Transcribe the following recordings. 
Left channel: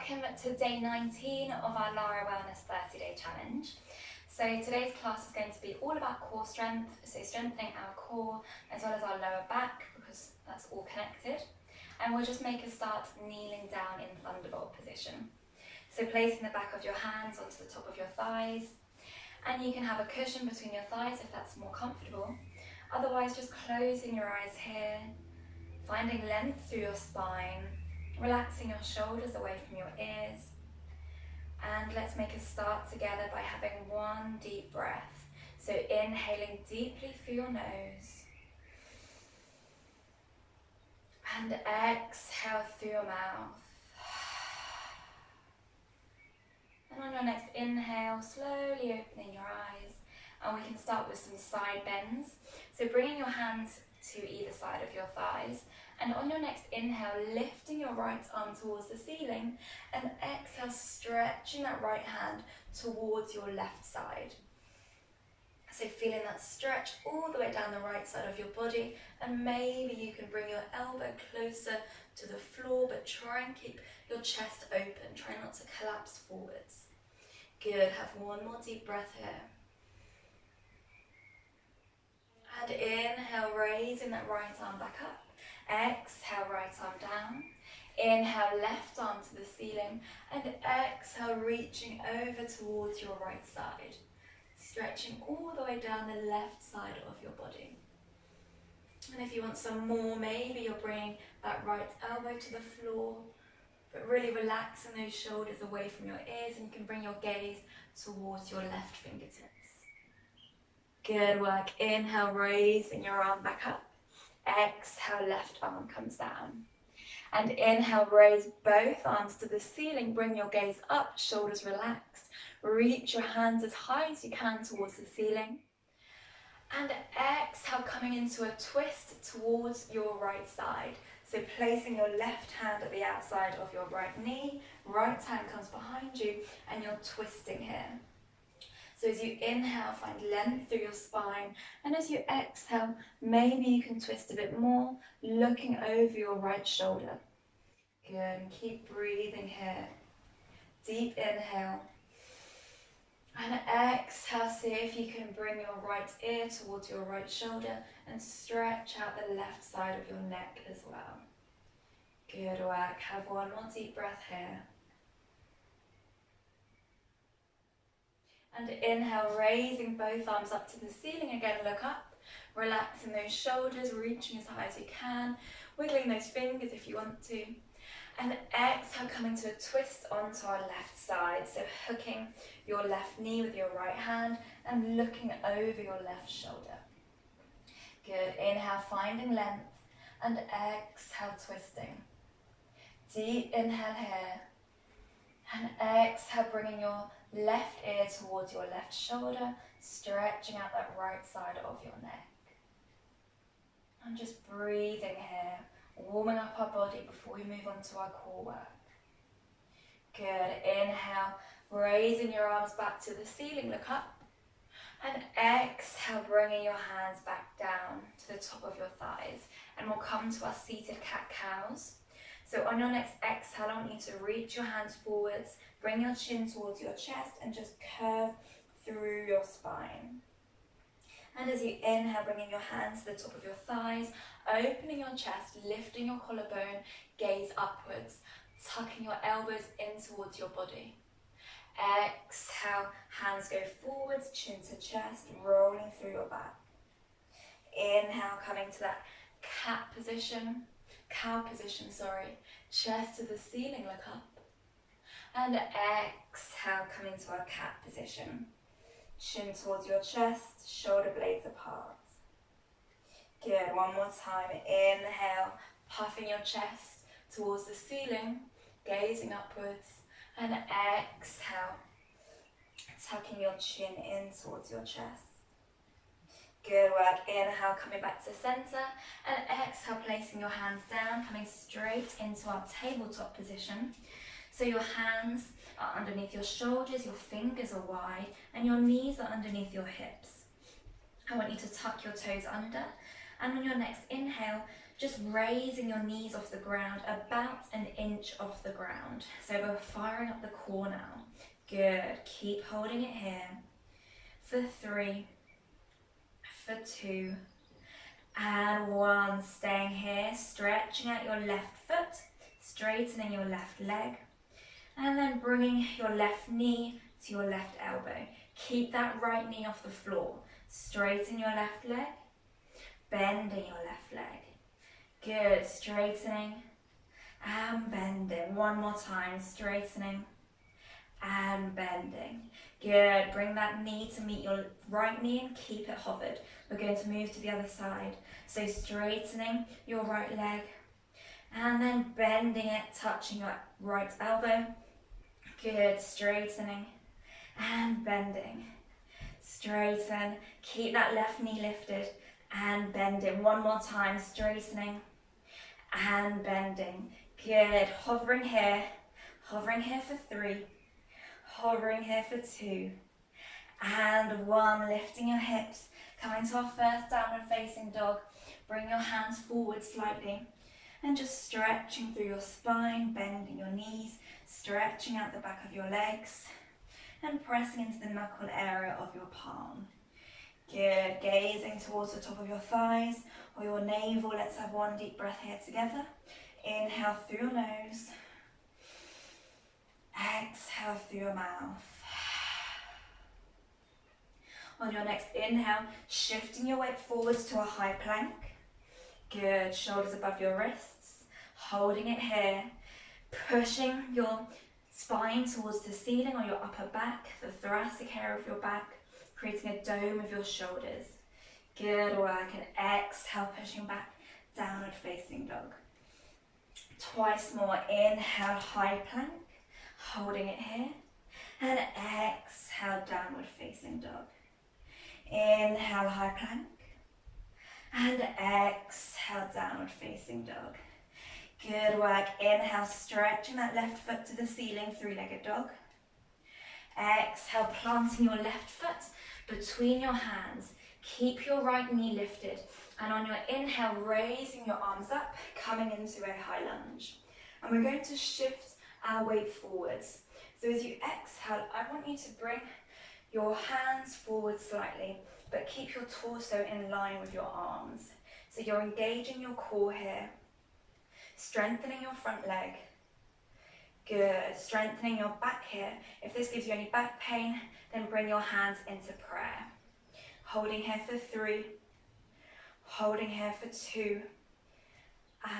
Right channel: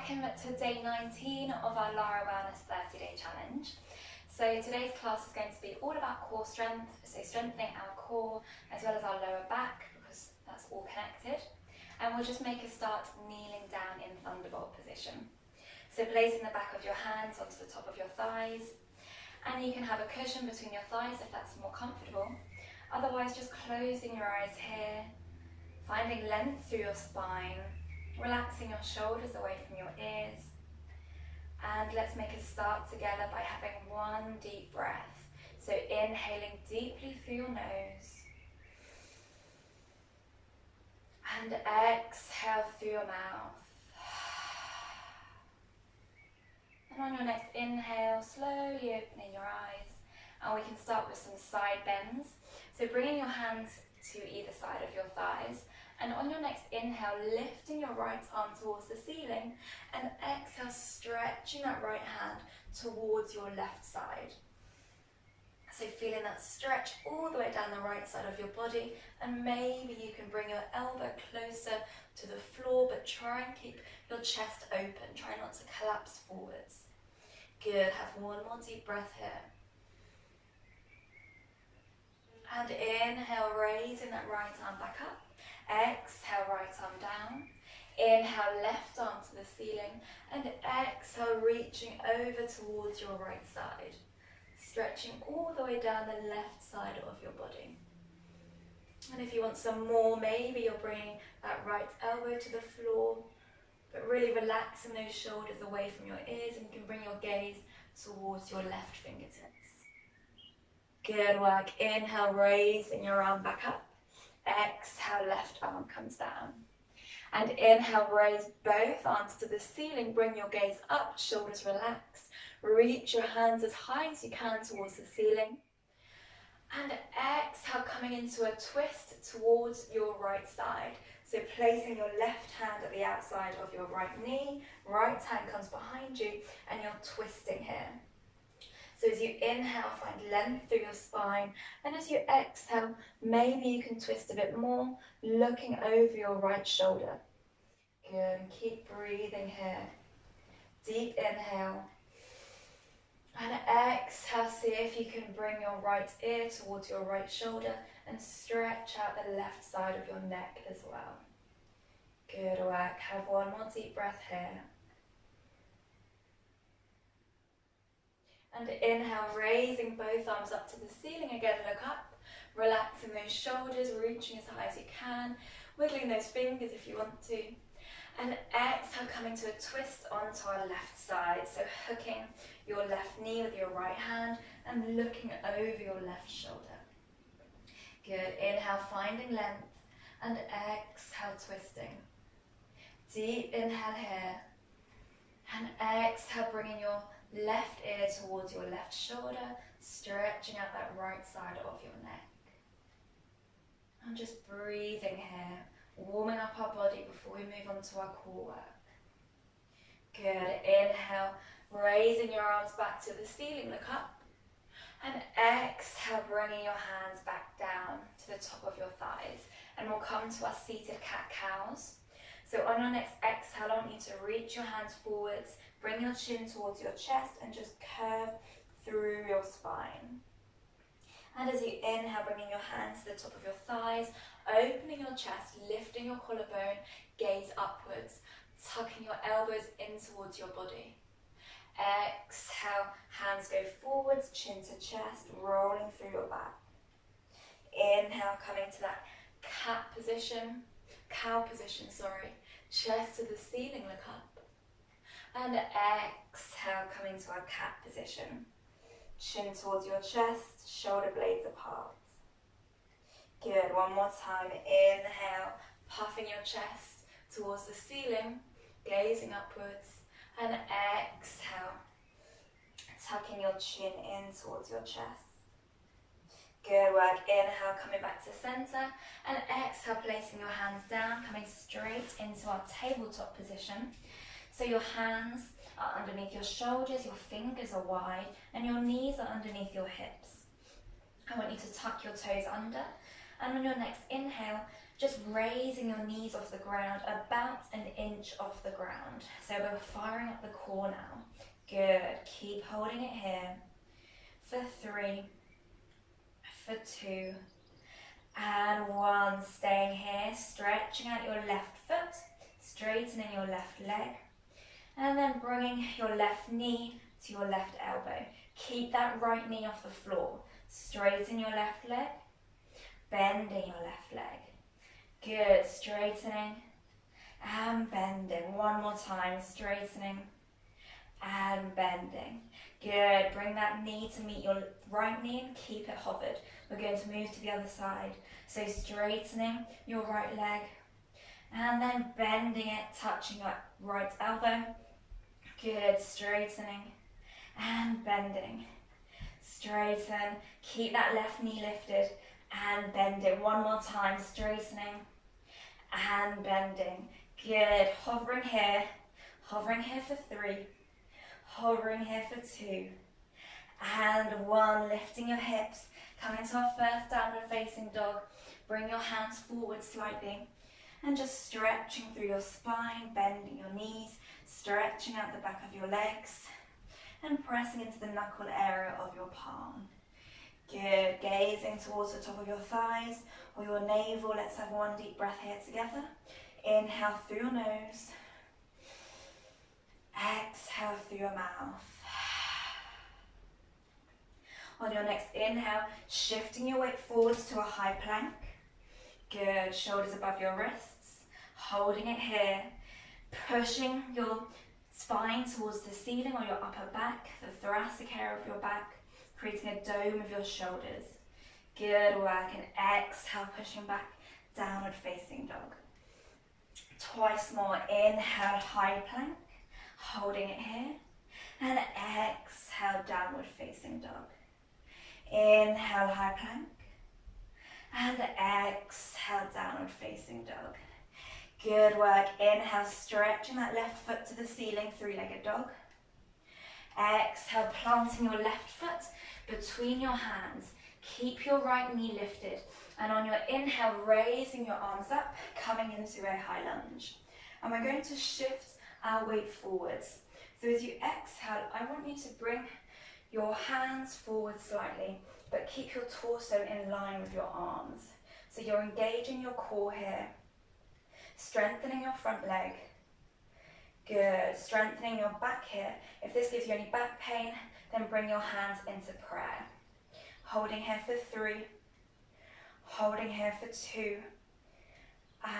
welcome to day 19 of our Lara Wellness 30-day challenge. So today's class is going to be all about core strength, so strengthening our core as well as our lower back because that's all connected. And we'll just make a start kneeling down in Thunderbolt position. So placing the back of your hands onto the top of your thighs, and you can have a cushion between your thighs if that's more comfortable. Otherwise, just closing your eyes here, finding length through your spine, relaxing your shoulders away from your ears. And let's make a start together by having one deep breath. So inhaling deeply through your nose. And exhale through your mouth. And on your next inhale, slowly opening your eyes. And we can start with some side bends. So bringing your hands to either side of your thighs. And on your next inhale, lifting your right arm towards the ceiling. And exhale, stretching that right hand towards your left side. So feeling that stretch all the way down the right side of your body. And maybe you can bring your elbow closer to the floor, but try and keep your chest open. Try not to collapse forwards. Good, have one more deep breath here. And inhale, raising that right arm back up. Exhale, right arm down. Inhale, left arm to the ceiling. And exhale, reaching over towards your right side. Stretching all the way down the left side of your body. And if you want some more, maybe you're bringing that right elbow to the floor, but really relaxing those shoulders away from your ears, and you can bring your gaze towards your left fingertips. Good work. Inhale, raising your arm back up. Exhale, left arm comes down. And inhale, raise both arms to the ceiling. Bring your gaze up, shoulders relaxed. Reach your hands as high as you can towards the ceiling. And exhale, coming into a twist towards your right side. So placing your left hand at the outside of your right knee, right hand comes behind you, and you're twisting here. So as you inhale, find length through your spine, and as you exhale, maybe you can twist a bit more, looking over your right shoulder. Good, and keep breathing here. Deep inhale. And exhale, see if you can bring your right ear towards your right shoulder and stretch out the left side of your neck as well. Good work. Have one more deep breath here. And inhale, raising both arms up to the ceiling. Again, look up, relaxing those shoulders, reaching as high as you can, wiggling those fingers if you want to. And exhale, coming to a twist onto our left side. So hooking your left knee with your right hand and looking over your left shoulder. Good. Inhale, finding length, and exhale, twisting. Deep inhale here. And exhale, bringing your left ear towards your left shoulder, stretching out that right side of your neck. And just breathing here, warming up our body before we move on to our core work. Good. Inhale, raising your arms back to the ceiling, look up. And exhale, bringing your hands back down to the top of your thighs. And we'll come to our seated cat-cows. So on your next exhale, I want you to reach your hands forwards, bring your chin towards your chest, and just curve through your spine. And as you inhale, bringing your hands to the top of your thighs, opening your chest, lifting your collarbone, gaze upwards, tucking your elbows in towards your body. Exhale, hands go forwards, chin to chest, rolling through your back. Inhale, coming to that cow position, chest to the ceiling, look up. And exhale, coming to our cat position. Chin towards your chest, shoulder blades apart. Good, one more time. Inhale, puffing your chest towards the ceiling, gazing upwards. And exhale, tucking your chin in towards your chest. Good work. Inhale, coming back to center. And exhale, placing your hands down, coming straight into our tabletop position. So your hands are underneath your shoulders, your fingers are wide, and your knees are underneath your hips. I want you to tuck your toes under And on your next inhale, just raising your knees off the ground, about an inch off the ground. So we're firing up the core now. Good, keep holding it here. For 3, for 2, and 1. Staying here, stretching out your left foot, straightening your left leg, and then bringing your left knee to your left elbow. Keep that right knee off the floor. Straighten your left leg, bending your left leg. Good, straightening and bending. One more time, straightening and bending. Good, bring that knee to meet your right knee and keep it hovered. We're going to move to the other side. So straightening your right leg and then bending it, touching your right elbow. Good, straightening and bending. Straighten, keep that left knee lifted and bend it. One more time, straightening and bending. Good, hovering here for 3, hovering here for 2, and 1. Lifting your hips, coming to our first downward facing dog. Bring your hands forward slightly and just stretching through your spine, bending your knees, stretching out the back of your legs and pressing into the knuckle area of your palm. Good, gazing towards the top of your thighs or your navel. Let's have one deep breath here together. Inhale through your nose, exhale through your mouth. On your next inhale, shifting your weight forwards to a high plank. Good, shoulders above your wrists, holding it here, pushing your spine towards the ceiling or your upper back, the thoracic area of your back, creating a dome of your shoulders. Good work, and exhale, pushing back, downward facing dog. Twice more, inhale, high plank, holding it here, and exhale, downward facing dog. Inhale, high plank, and exhale, downward facing dog. Good work, inhale, stretching that left foot to the ceiling, 3-legged dog. Exhale, planting your left foot between your hands. Keep your right knee lifted. And on your inhale, raising your arms up, coming into a high lunge. And we're going to shift our weight forwards. So as you exhale, I want you to bring your hands forward slightly, but keep your torso in line with your arms. So you're engaging your core here, strengthening your front leg. Good, strengthening your back here. If this gives you any back pain, then bring your hands into prayer. Holding here for 3, holding here for 2,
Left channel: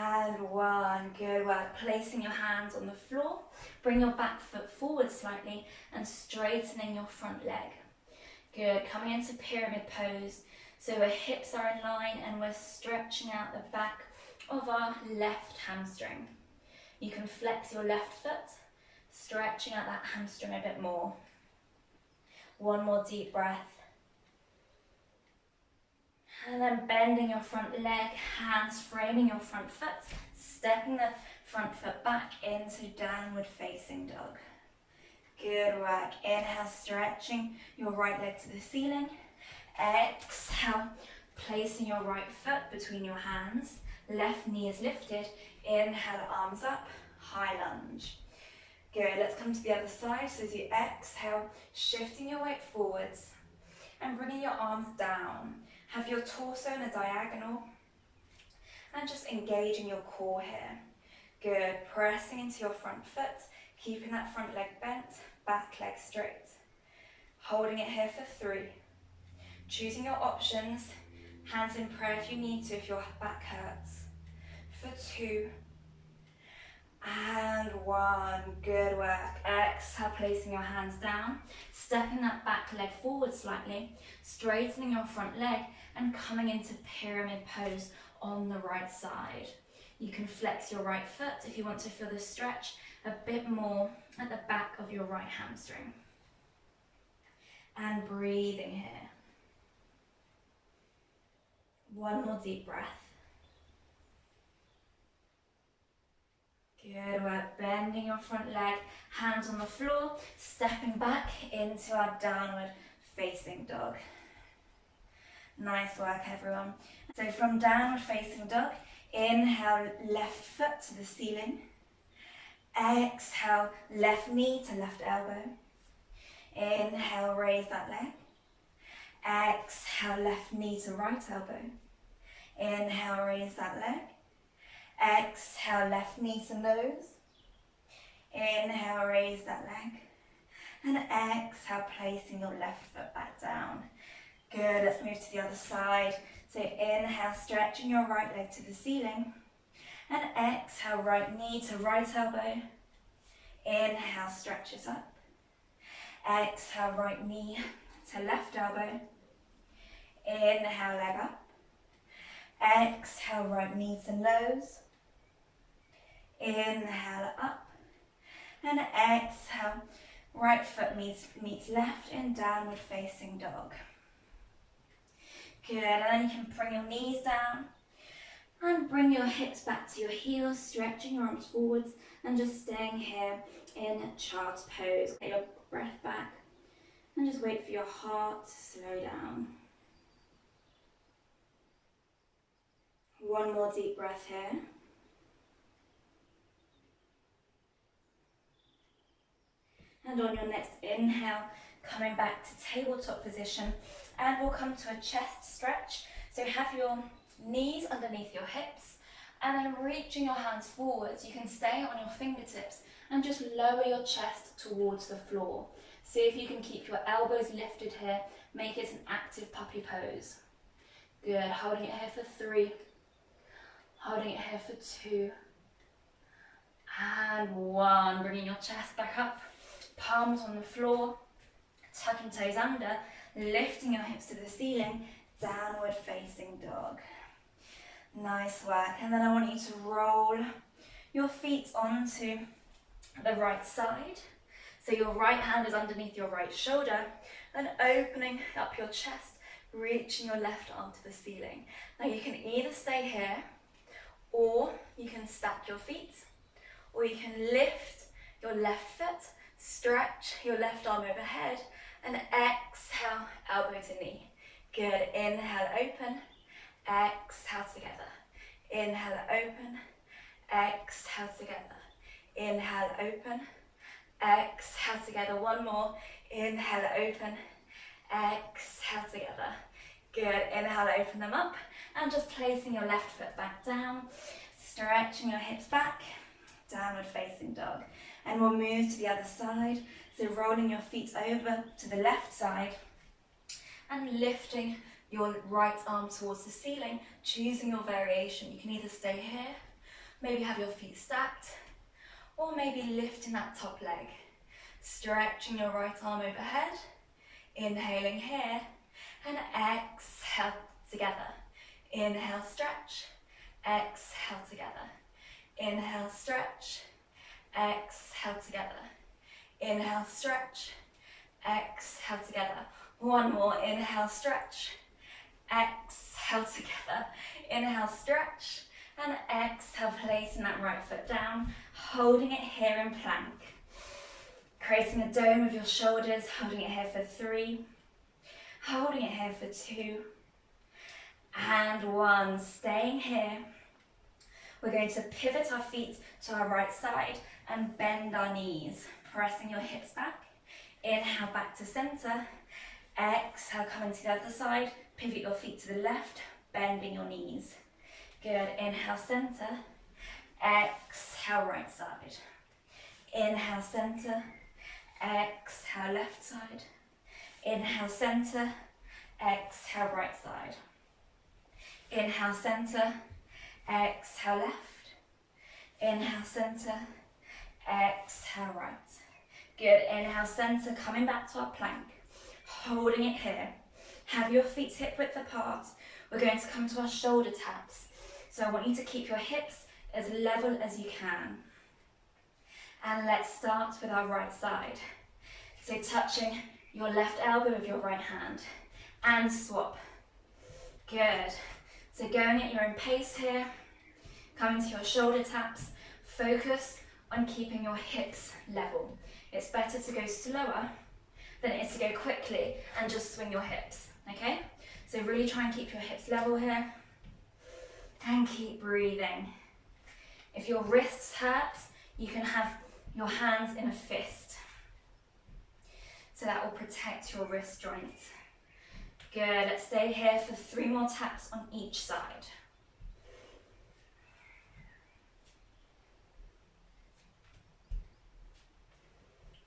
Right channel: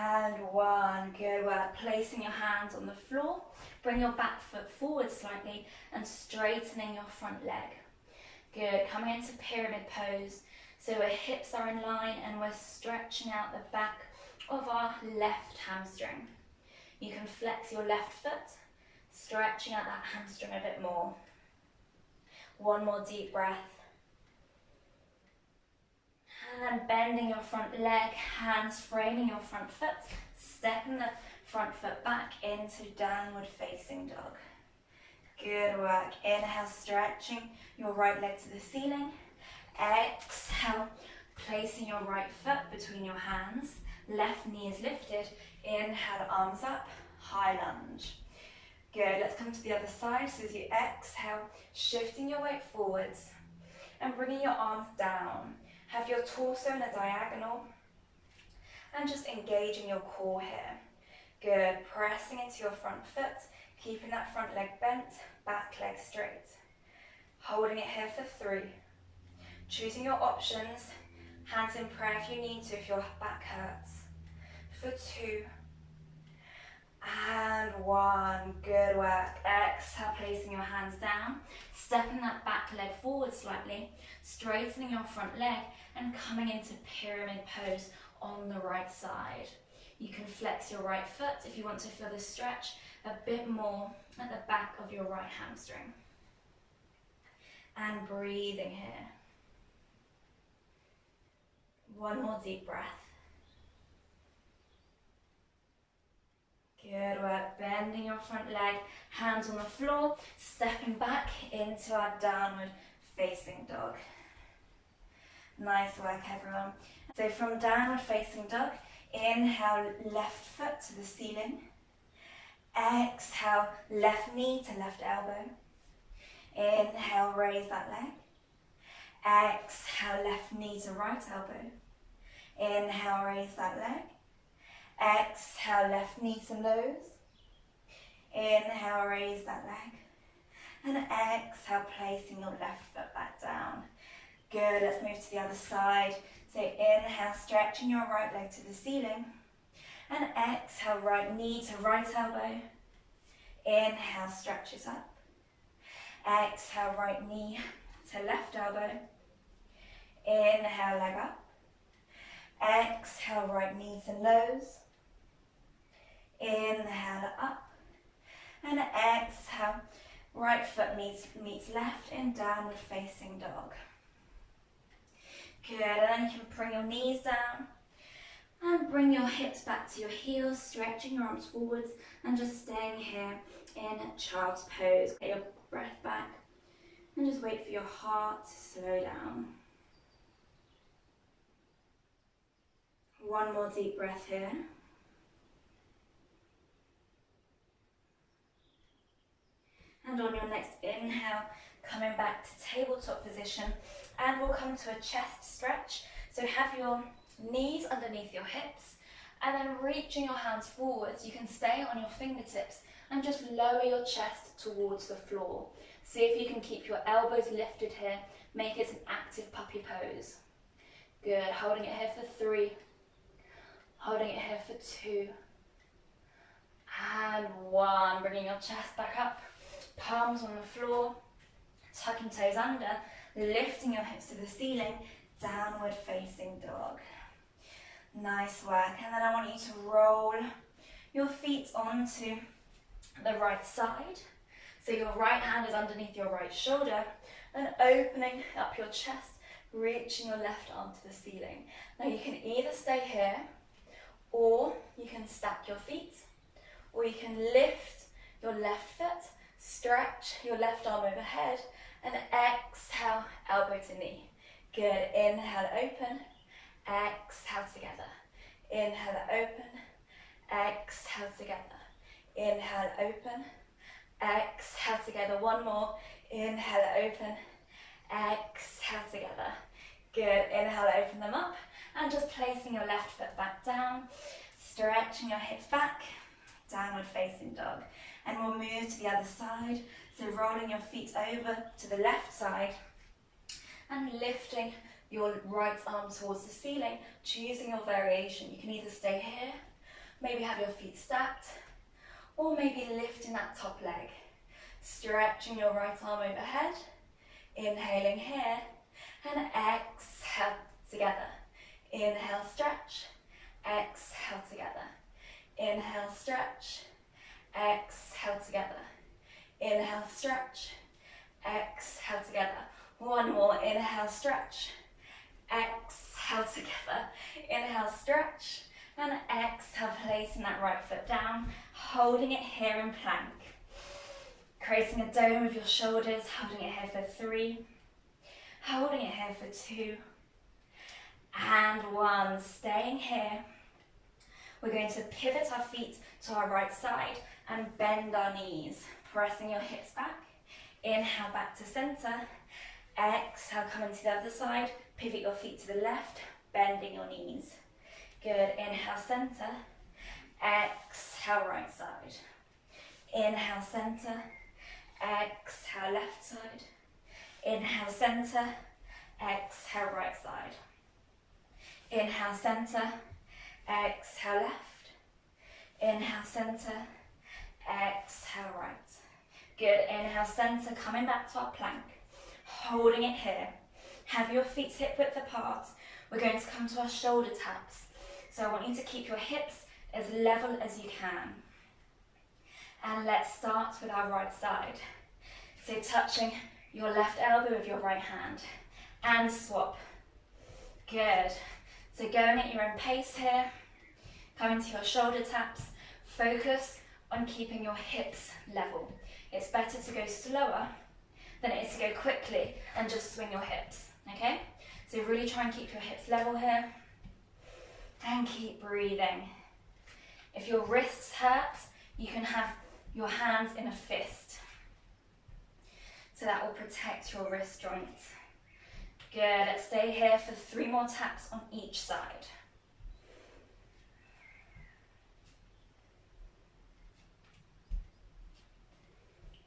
and 1. Good work. Placing your hands on the floor. Bring your back foot forward slightly and straightening your front leg. Good. Coming into pyramid pose. So our hips are in line and we're stretching out the back of our left hamstring. You can flex your left foot, stretching out that hamstring a bit more. One more deep breath. And then bending your front leg, hands framing your front foot, stepping the front foot back into downward facing dog. Good work. Inhale, stretching your right leg to the ceiling. Exhale, placing your right foot between your hands. Left knee is lifted. Inhale, arms up, high lunge. Good, let's come to the other side. So as you exhale, shifting your weight forwards and bringing your arms down. Have your torso in a diagonal and just engaging your core here. Good, pressing into your front foot, keeping that front leg bent, back leg straight. Holding it here for 3. Choosing your options, hands in prayer if you need to, if your back hurts. For 2, and 1. Good work. Exhale, placing your hands down, stepping that back leg forward slightly, straightening your front leg and coming into pyramid pose on the right side. You can flex your right foot if you want to feel the stretch a bit more at the back of your right hamstring. And breathing here. One more deep breath. Good work, bending your front leg, hands on the floor, stepping back into our downward facing dog. Nice work, everyone. So from downward facing dog, inhale, left foot to the ceiling. Exhale, left knee to left elbow. Inhale, raise that leg. Exhale, left knee to right elbow. Inhale, raise that leg. Exhale, left knee to nose. Inhale, raise that leg. And exhale, placing your left foot back down. Good, let's move to the other side. So inhale, stretching your right leg to the ceiling. And exhale, right knee to right elbow. Inhale, stretch it up. Exhale, right knee to left elbow. Inhale, leg up. Exhale, right knee to nose. Inhale, up. And exhale, right foot meets left in downward facing dog. Good, and then you can bring your knees down and bring your hips back to your heels, stretching your arms forwards and just staying here in child's pose. Get your breath back and just wait for your heart to slow down. One more deep breath here. And on your next inhale, coming back to tabletop position, and we'll come to a chest stretch. So have your knees underneath your hips, and then reaching your hands forwards, you can stay on your fingertips and just lower your chest towards the floor. See if you can keep your elbows lifted here, make it an active puppy pose. Good, holding it here for 3, holding it here for 2, and 1. Bringing your chest back up, palms on the floor, tucking toes under, lifting your hips to the ceiling, downward facing dog. Nice work. And then I want you to roll your feet onto the right side. So your right hand is underneath your right shoulder and opening up your chest, reaching your left arm to the ceiling. Now you can either stay here, or you can stack your feet, or you can lift your left foot, stretch your left arm overhead, and exhale, elbow to knee. Good, inhale, open, exhale together. Inhale, open, exhale together. Inhale, open, exhale together. One more, inhale, open, exhale together. Good, inhale, open them up, and just placing your left foot back down, stretching your hips back, downward facing dog. And we'll move to the other side. So rolling your feet over to the left side and lifting your right arm towards the ceiling, choosing your variation. You can either stay here, maybe have your feet stacked, or maybe lifting that top leg. Stretching your right arm overhead, inhaling here, and exhale together. Inhale, stretch, exhale together. Inhale, stretch, exhale together. Inhale, stretch, exhale together. One more, inhale, stretch, exhale together. Inhale, stretch, and exhale, placing that right foot down, holding it here in plank. Creating a dome with your shoulders, holding it here for 3, holding it here for 2, and 1. Staying here. We're going to pivot our feet to our right side and bend our knees, pressing your hips back. Inhale, back to center. Exhale, coming to the other side. Pivot your feet to the left, bending your knees. Good. Inhale, center. Exhale, right side. Inhale, center. Exhale, left side. Inhale, center. Exhale, right side. Inhale, center. Exhale, left. Inhale, center. Exhale, right. Good. Inhale, center, coming back to our plank. Holding it here. Have your feet hip width apart. We're going to come to our shoulder taps. So I want you to keep your hips as level as you can. And let's start with our right side. So touching your left elbow with your right hand. And swap. Good. So going at your own pace here. Coming to your shoulder taps. Focus on keeping your hips level. It's better to go slower than it is to go quickly and just swing your hips, okay? So really try and keep your hips level here and keep breathing. If your wrists hurt, you can have your hands in a fist. So that will protect your wrist joints. Good, let's stay here for 3 more taps on each side.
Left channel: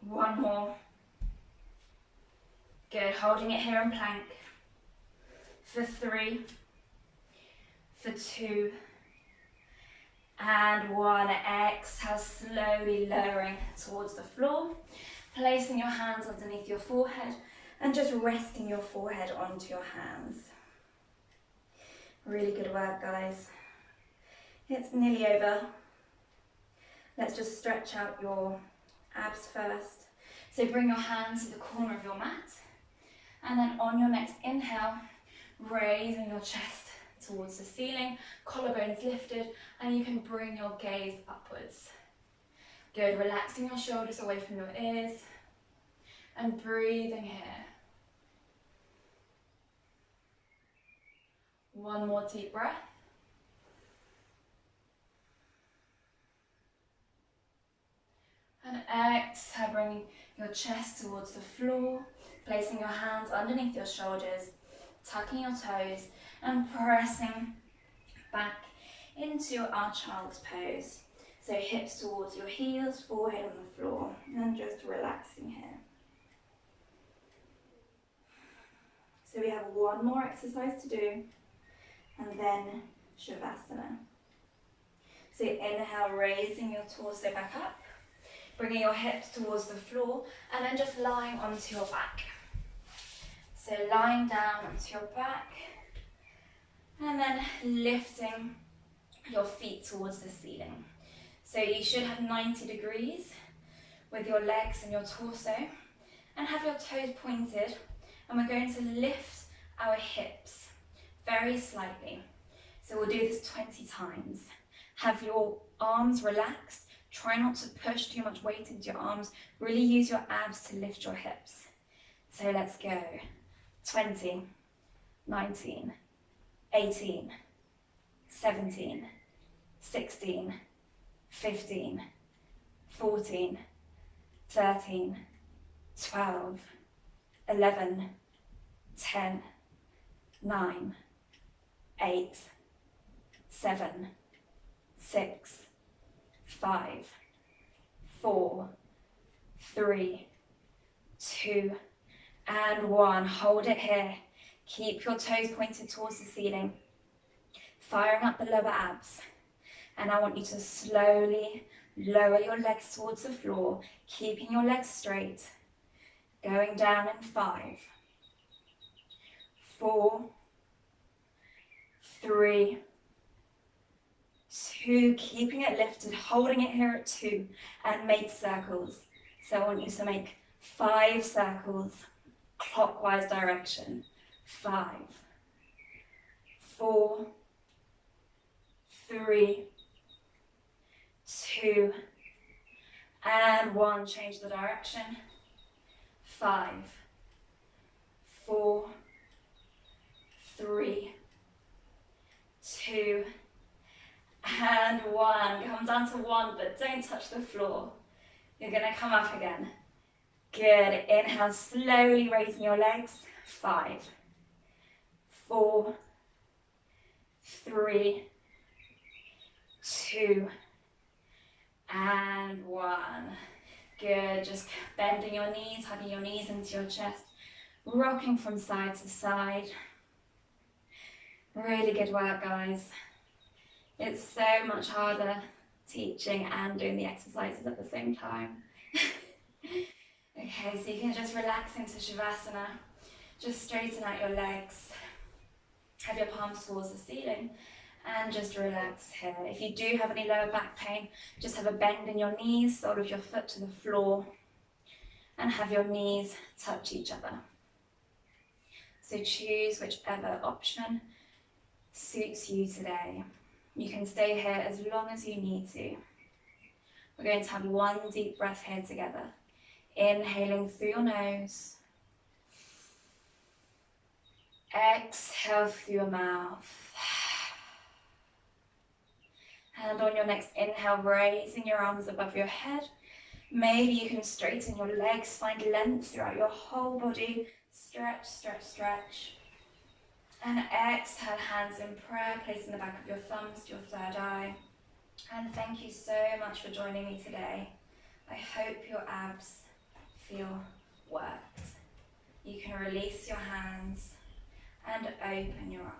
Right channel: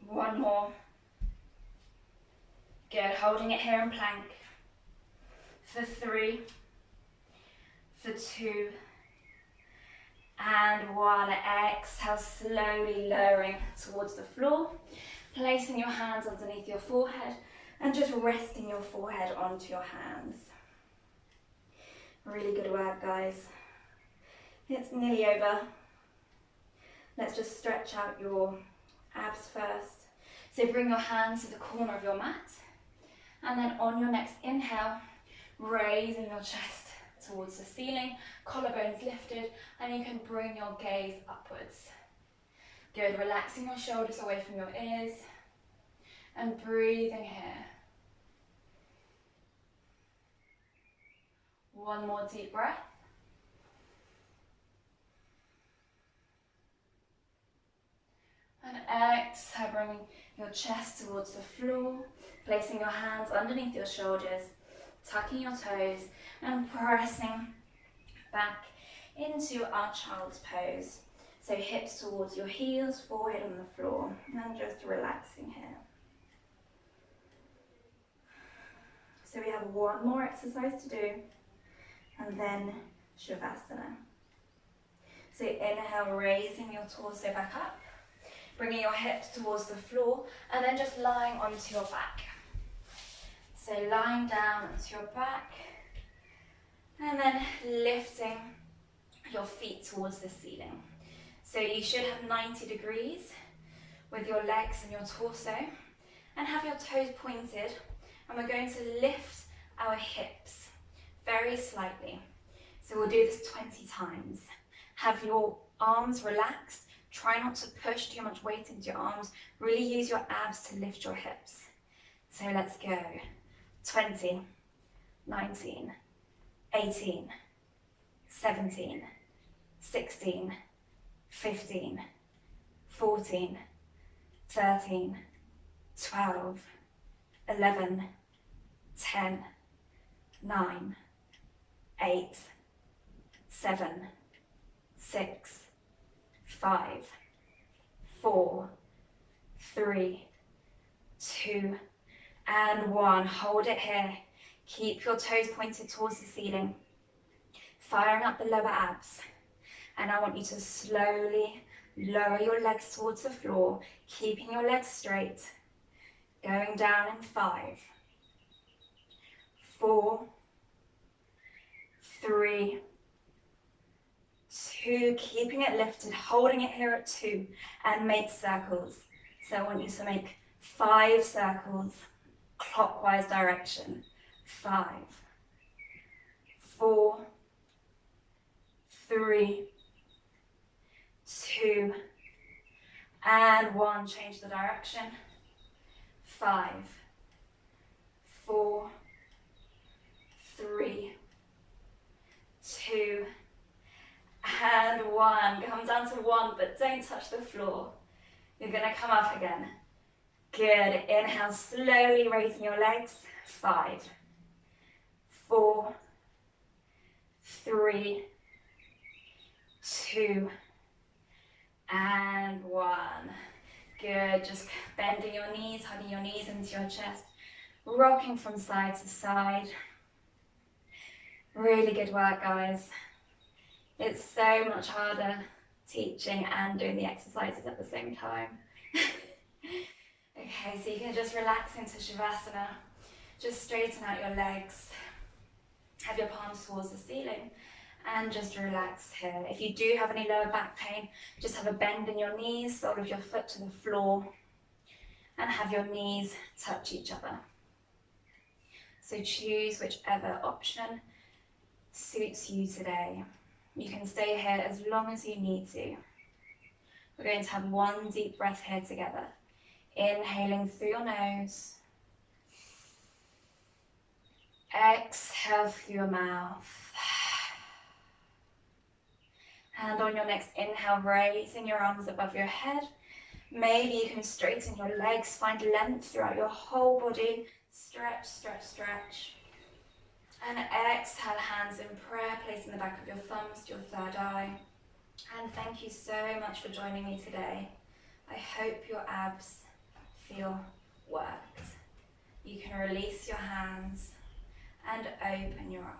One more. Good, holding it here in plank. For 3, for 2, and 1. Exhale, slowly lowering towards the floor, placing your hands underneath your forehead and just resting your forehead onto your hands. Really good work, guys. It's nearly over. Let's just stretch out your abs first. So bring your hands to the corner of your mat, and then on your next inhale, raising your chest towards the ceiling, collarbones lifted, and you can bring your gaze upwards. Good, relaxing your shoulders away from your ears and breathing here. One more deep breath. And exhale, bringing your chest towards the floor, placing your hands underneath your shoulders, tucking your toes and pressing back into our child's pose. So hips towards your heels, forehead on the floor, and just relaxing here. So we have one more exercise to do, and then Shavasana. So inhale, raising your torso back up, bringing your hips towards the floor, and then just lying onto your back. So lying down onto your back, and then lifting your feet towards the ceiling. So you should have 90 degrees with your legs and your torso, and have your toes pointed, and we're going to lift our hips very slightly. So we'll do this 20 times. Have your arms relaxed. Try not to push too much weight into your arms. Really use your abs to lift your hips. So let's go. 20, 19, 18, 17, 16, 15, 14, 13, 12, 11, 10, 9, 8, 7, 6, 5, 4, 3, 2, and 1. Hold it here. Keep your toes pointed towards the ceiling, firing up the lower abs. And I want you to slowly lower your legs towards the floor, keeping your legs straight. Going down in 5, 4, 3, 2, keeping it lifted, holding it here at 2, and make circles. So I want you to make 5 circles, clockwise direction. 5, 4, 3, 2, and 1. Change the direction. 5, 4, 3, 2, and 1. Come down to 1, but don't touch the floor. You're going to come up again. Good. Inhale, slowly raising your legs. 5, 4, 3, 2, and 1. Good. Just bending your knees, hugging your knees into your chest, rocking from side to side. Really good work, guys. It's so much harder teaching and doing the exercises at the same time. Okay, so you can just relax into Shavasana. Just straighten out your legs. Have your palms towards the ceiling and just relax here. If you do have any lower back pain, just have a bend in your knees, sole of your foot to the floor, and have your knees touch each other. So choose whichever option suits you today. You can stay here as long as you need to. We're going to have one deep breath here together. Inhaling through your nose Exhale through your mouth. And on your next inhale, raising your arms above your head. Maybe you can straighten your legs, find length throughout your whole body. Stretch, stretch, stretch. And exhale, hands in prayer, placing the back of your thumbs to your third eye. And thank you so much for joining me today. I hope your abs feel worked. You can release your hands and open your eyes.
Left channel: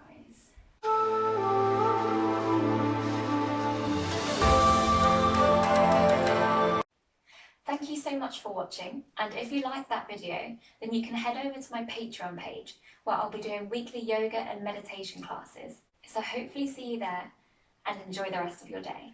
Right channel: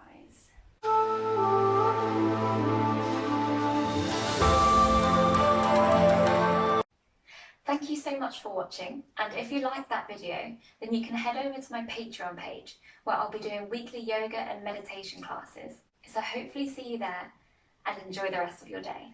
Thank you so much for watching, and if you like that video, then you can head over to my Patreon page where I'll be doing weekly yoga and meditation classes. So hopefully see you there, and enjoy the rest of your day.